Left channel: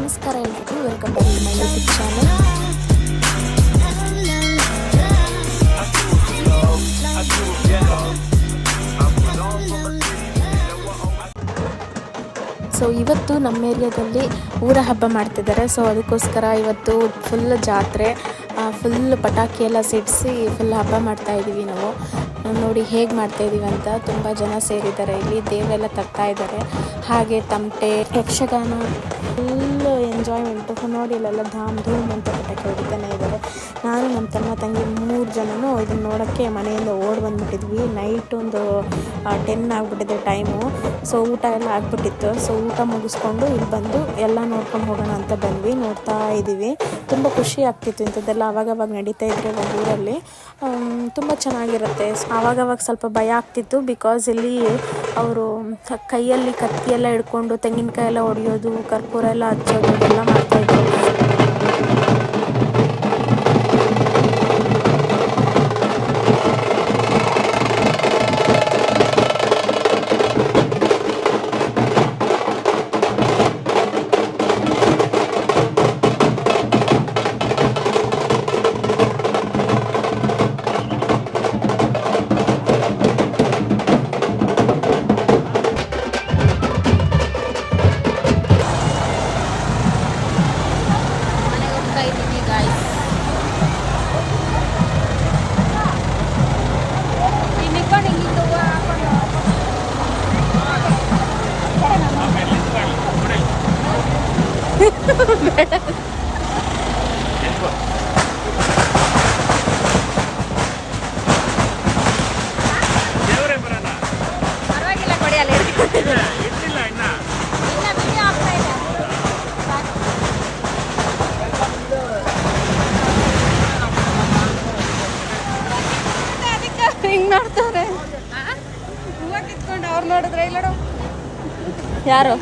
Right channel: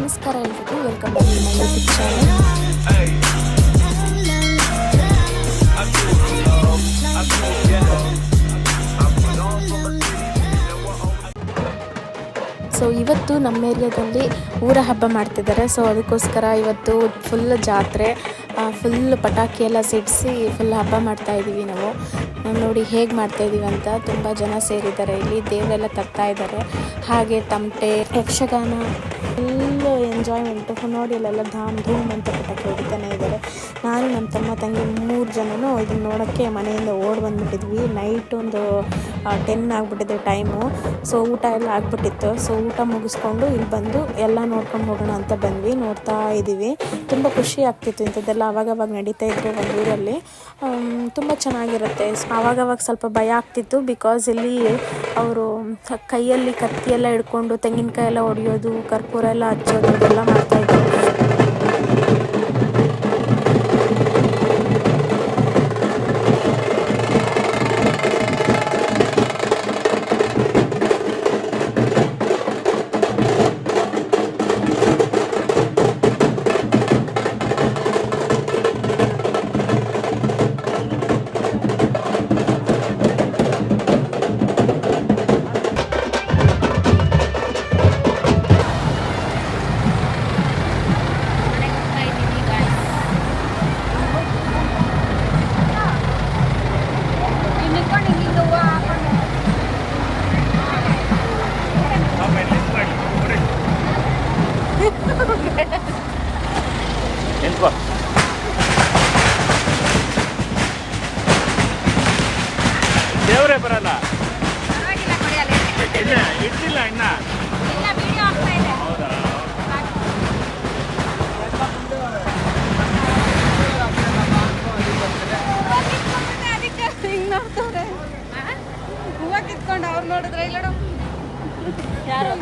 ನಮಸ್ಕಾರ ಎಲ್ರಿಗೂ, welcome back to my YouTube channel. So ಇವತ್ತು ನಮ್ಮ ಏರಿಯಾದಲ್ಲಿ ಊರ ಹಬ್ಬ ಮಾಡ್ತಿದ್ದಾರೆ. ಸೊ ಅದಕ್ಕೋಸ್ಕರ ಇವತ್ತು ಫುಲ್ ಜಾತ್ರೆ, ಫುಲ್ ಪಟಾಕಿ ಎಲ್ಲ ಸಿಡಿಸಿ ಫುಲ್ ಹಬ್ಬ ಮಾಡ್ತಾಯಿದ್ದೀವಿ ನಾವು. ನೋಡಿ ಹೇಗೆ ಮಾಡ್ತಾಯಿದ್ದೀವಿ ಅಂತ. ತುಂಬ ಜನ ಸೇರಿದ್ದಾರೆ ಇಲ್ಲಿ, ದೇವರೆಲ್ಲ ತರ್ತಾ ಇದ್ದಾರೆ. ಹಾಗೆ ತಮಟೆ, ಯಕ್ಷಗಾನ, ಫುಲ್ಲು ಎಂಜಾಯ್ಮೆಂಟು. ನೋಡಿ ಇಲ್ಲೆಲ್ಲ ಧಾಮ್ ಧೂಮ್ ಅಂತ ಪಟಾಕಿ ಹೊಡಿತಾನೆ ಇದ್ದಾರೆ. ನಾನು ನಮ್ಮ ತಮ್ಮ ತಂಗಿ 3 ಜನನೂ ಇದನ್ನು ನೋಡೋಕ್ಕೆ ಮನೆಯಿಂದ ಓಡಿ ಬಂದುಬಿಟ್ಟಿದ್ವಿ. ನೈಟ್ ಒಂದು 10 ಆಗಿಬಿಟ್ಟಿದೆ ಟೈಮು. ಸೊ ಊಟ ಎಲ್ಲ ಆಗಿಬಿಟ್ಟಿತ್ತು. ಸೊ ಊಟ ಮುಗಿಸ್ಕೊಂಡು ಇಲ್ಲಿ ಬಂದು ಎಲ್ಲ ನೋಡ್ಕೊಂಡು ಹೋಗೋಣ ಅಂತ ಬಂದ್ವಿ. ನೋಡ್ತಾ ಇದ್ದೀವಿ. ತುಂಬ ಖುಷಿ ಆಗ್ತಿತ್ತು ಇಂಥದ್ದೆಲ್ಲ ಆವಾಗವಾಗ ನಡೀತಾ ಇದ್ರೆ ಒಂದು ಊರಲ್ಲಿ. ತುಂಬ ಚೆನ್ನಾಗಿರುತ್ತೆ. ಆವಾಗವಾಗ ಸ್ವಲ್ಪ ಭಯ ಆಗ್ತಿತ್ತು, ಬಿಕಾಸ್ ಇಲ್ಲಿ ಅವರು ಕೈಯಲ್ಲಿ ಕತ್ತಿ ಎಲ್ಲ ಹಿಡ್ಕೊಂಡು ತೆಂಗಿನಕಾಯಿ ಎಲ್ಲ ಹೊಡೆಯೋದು, ಕರ್ಪೂರ ಎಲ್ಲ ಹಚ್ಚೋದು ಇದೆಲ್ಲ ಮಾಡ್ತಾಯಿದ್ರು. ದೇವರೇ ಬರಲ್ಲ. ಹಿಂಗ್ ಮಾಡ್ತಾರೆ ಅವ್ರು ನೋಡಿದ್ರೆ ಇಲ್ಲ ಯಾರು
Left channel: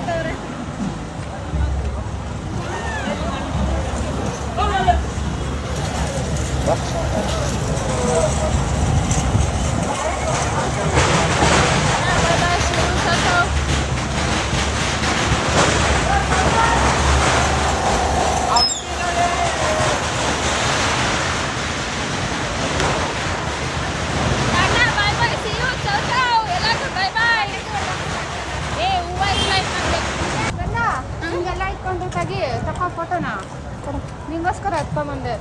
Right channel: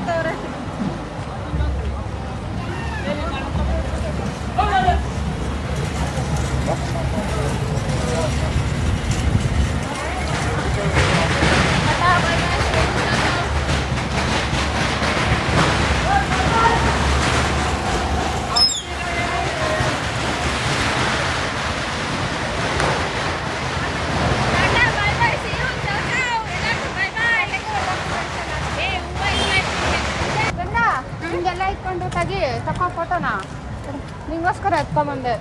ನಿಂಗೋಸ್ಕರ ಎತ್ಕೊಂಡ್ಬಂದೆ.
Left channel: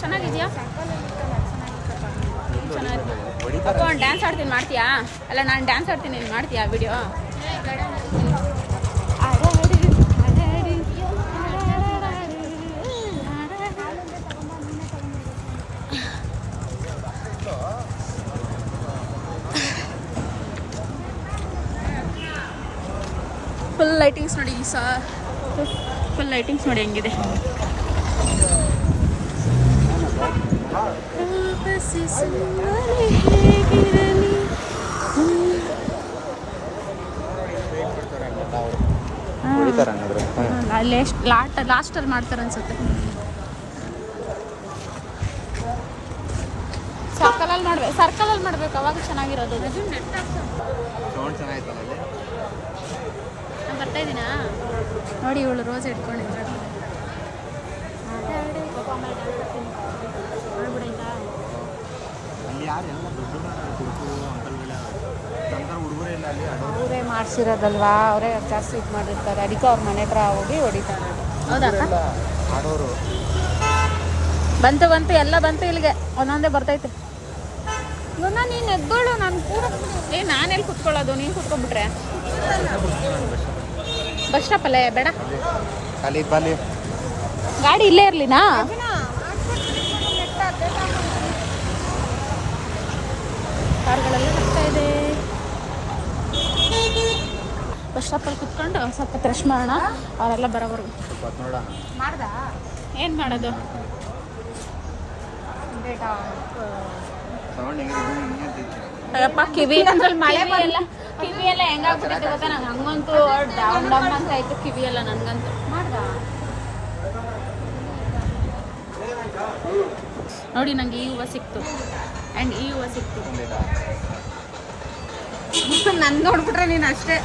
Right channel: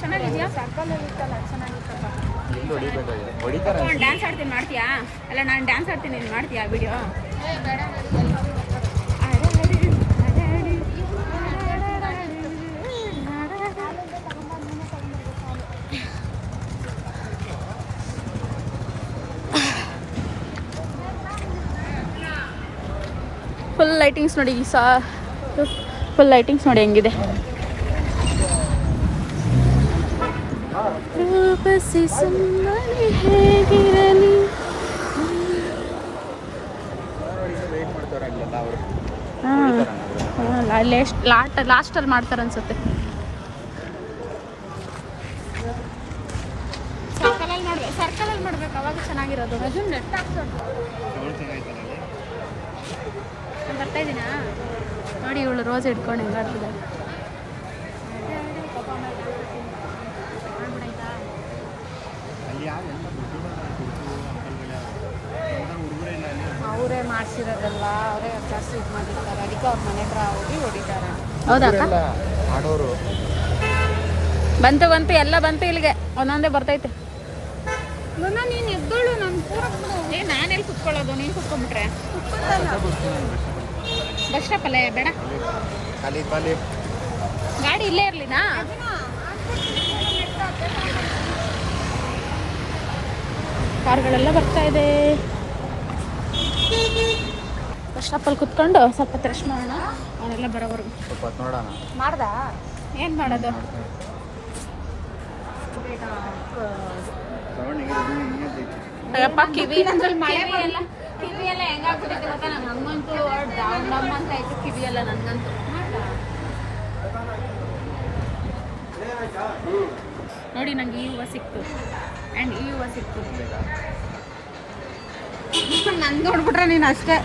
ಚೆನ್ನಾಗಿದೆಯಾ? ಚೆನ್ನಾಗಿ ಅಪ್ಪ. ಒಂದು ಡ್ಯಾನ್ಸ್ ಆಡ್ತೀನಿ, ಮಾಡ್ತೀಯಾ? ಅಲ್ಲ, ನಾನು ಡ್ಯಾನ್ಸ್ ಆಡ್ತೀನಿ, ನೀನು ಮಾಡ್ತೀಯಾ ವಿಡಿಯೋ? ಫುಲ್ ಲೈಟಿಂಗ್ಸ್ ನೋಡಿ, ಫುಲ್ ಲೈಟಿಂಗ್ಸ್ ನೋಡಿ ಹೆಂಗಿದೆ. ಲಾಸ್ಟಲ್ಲಿ ಮಾಡ್ತಾರೆ ಅನ್ಸುತ್ತೆ. ಸರ್ಕಲಲ್ಲಿ ಮಾಡ್ಬೇಕು, ಅವಾಗ ಚೆನ್ನಾಗಿರೋದು. ನಾನು ಬರ್ತಾ ಇದ್ದೀನಾ ನೋಡಿ. ಇವಳು ರೋಸ್ ಇಟ್ಕೊಂಡು ಹೆಂಗಾಡ್ತದೆ. ಅವರೇ ಮಾಡಿಸಿರೋದಲ್ವಾ, ಅವರೇ ಜಾಸ್ತಿ ಇದು ಮಾಡಿರ್ತಾರೆ. ಅದಕ್ಕೆ ಅವ್ರ ಮನೆ ಹತ್ರ ಹೋಗಿ ಹೊಡಿತಾರೆ. ಹೌದಾ? ಬಂತು ಎಲ್ಲ ಬಂತು ಇಲ್ಲಿಗೆ. ಒಂದೊಂದೇ ಬರ್ತೈತೆ. ನೀನು ಎದ್ದೋಳು, ನಾನು ಪೂರ ನಾನೆಲ್ಲಿ ಕುತ್ಕೊಳ್ಳೋದು? ನೀನು ಕುತ್ಕೊಂಡ್ಬಿಟ್ರೆ ಬಸ್ ಸ್ಟಾಪಲ್ಲೇ ಬೇಡ, ಗಾಡಿ ಇಲ್ಲೇ ಇರ್ಲಿನಾ? ಎಲ್ಲ ಬರ್ತಾ ಇದೆ. ಬಸ್ ಸ್ಟಾಪಲ್ಲಿ ಕುತ್ಕೊಂಡು ಸ್ವಲ್ಪ ರಶ್ ಮಾಡೋಣ, ಅವರೆಲ್ಲ ಬರೋವರೆಗೂ. ಮಾಡ್ದ? ಏನು ಮಾಡೋದು? ಅಯ್ಯಪ್ಪ, ಕಿವಿ ಎಲ್ಲ ಹೆಂಗಾಗ್ಬಿಟ್ಟಿದೆ ಗೊತ್ತಾ? ನಂಗೆ ಹಂಗಂತೂ ಡೌನ್ ಡಮ್ ಅಂತ ಆಯ್ತು ಕಿವಿ ಎಲ್ಲ ನನಗಂತೂ. ನೋಡಿ, ನಂಗೆ ಈ ಹೂವು ಸಿಕ್ತು ಆ್ಯಂಡ್ ಈ ಹೂವು ಸಿಕ್ತು. ನನ್ ನೋಡ್ಬಿಟ್ರೆ ನೀನು ಅಷ್ಟೇ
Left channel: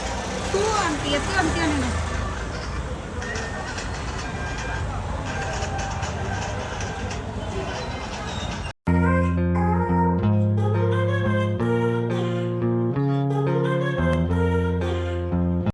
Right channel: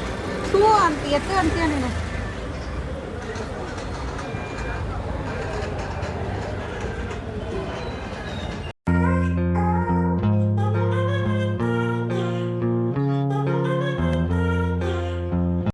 ತೂ ಅಂತ ಎತ್ತು ಅಂತೀಯ ನೀನು.